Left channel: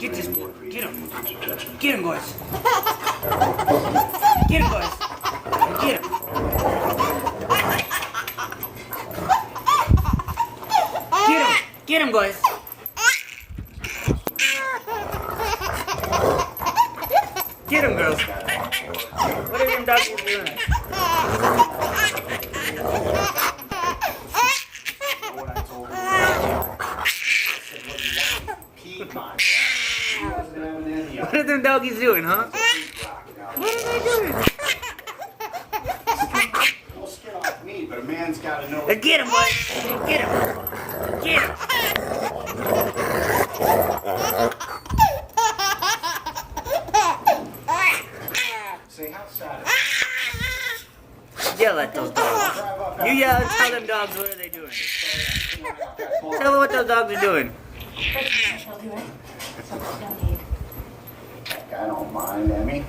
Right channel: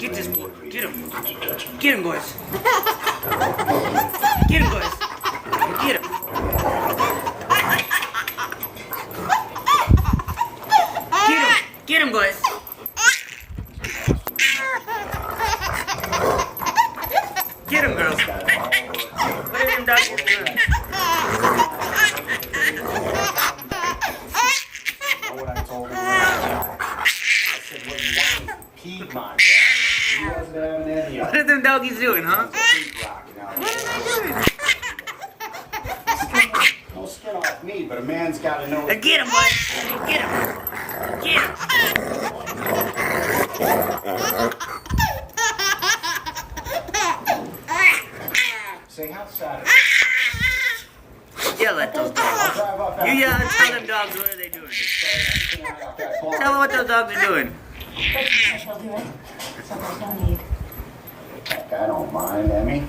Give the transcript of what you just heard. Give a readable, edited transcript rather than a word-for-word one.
Get this boy. Get him. Get him, boys. Get him, boys. Get him. Get him. Get him, boys. Get him, girls. What are them doggies doing? What I told him, I said, what you want? Peed my dad. He wasn't having any of What are them doggies doing, huh? it. What are they doing? No skin off me, but a man's got to know. Get him, boys. Get him. Get him. Say, how sad Yell at those dogs. You yell and tell them dogs what are they doing. Tell them what those dogs are doing. I don't mind, Emmy.